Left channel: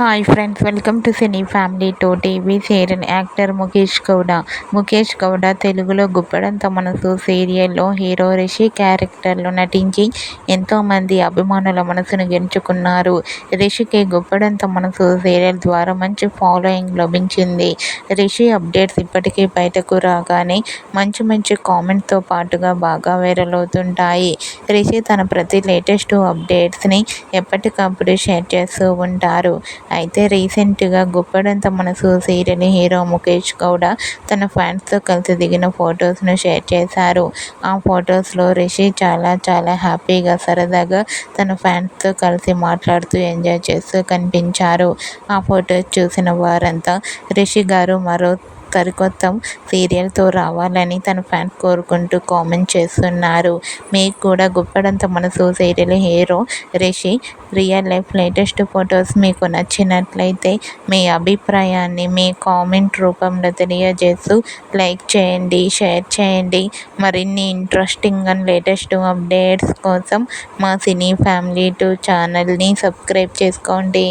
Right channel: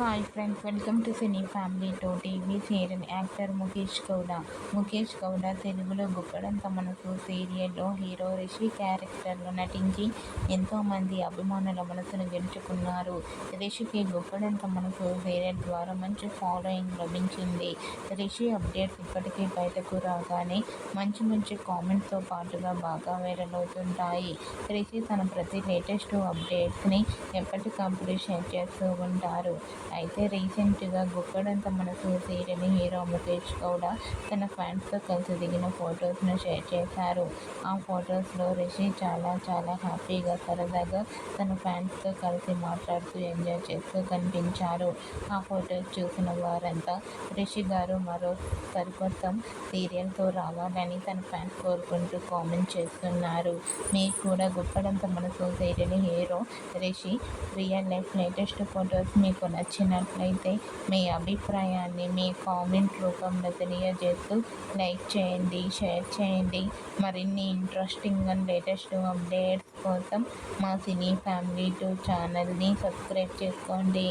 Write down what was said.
Hi friends, welcome to cine family to TV serial. Actor Mukesh Gowda తెలుగులో గుప్పెడంత మనసు సీరియల్లో hero Rishi క్యారెక్టర్లో నటించి ఎంతోమంది అభిమానుల మనసును గెలుచుకున్నారు. రిషికి గుప్పెడంత మనసు సీరియల్ ద్వారా మంచి ఫాలోయింగ్ లభించింది. రిషి అప్డేట్స్ ఇప్పటికీ బయటకు రాగానే మంచి కామెంట్తో పాటుగా బాగా వైరల్ అవుతుంటాయి. రిషి తన ప్రతి లేటెస్ట్ అప్డేట్స్ని ఎప్పటికప్పుడు షేర్ చేస్తూ ఉంటారు. అయితే రీసెంట్గా గుప్పెడంత మనసు సీరియల్ హీరో ముఖేష్ గౌడ తన ఫ్యాన్స్తో కలిసి దిగిన ఫొటోస్ను షేర్ చేశారు. ఆ ఫొటోస్లో రిషి చాలా హ్యాపీగా సరదాగా తన ఫ్యాన్స్తో కలిసి మాట్లాడుతూ ఎంజాయ్ చేస్తూ కనిపించారు. ఆ ఫొటోస్ చూసిన వారంతా రిషి గారు మరో సరికొత్త సీరియల్తో రావాలని తన ఫ్యాన్స్ కోరుకుంటూ కామెంట్ చేస్తున్నారు. మీకు కూడా గుప్పెడంత మనసు serial hero Rishi real life latest photos మీకు నచ్చినట్లయితే మీ అభిప్రాయాన్ని మీ కామెంట్ రూపంలో తెలియజేస్తూ లైక్ చేయండి, షేర్ చేయండి. మరిన్ని ఇంట్రెస్టింగ్ అండ్ లేటెస్ట్ అప్డేట్స్ కోసం మా సినీ ఫ్యామిలీ 2 ఛానల్ని సబ్స్క్రైబ్ చేసుకోండి.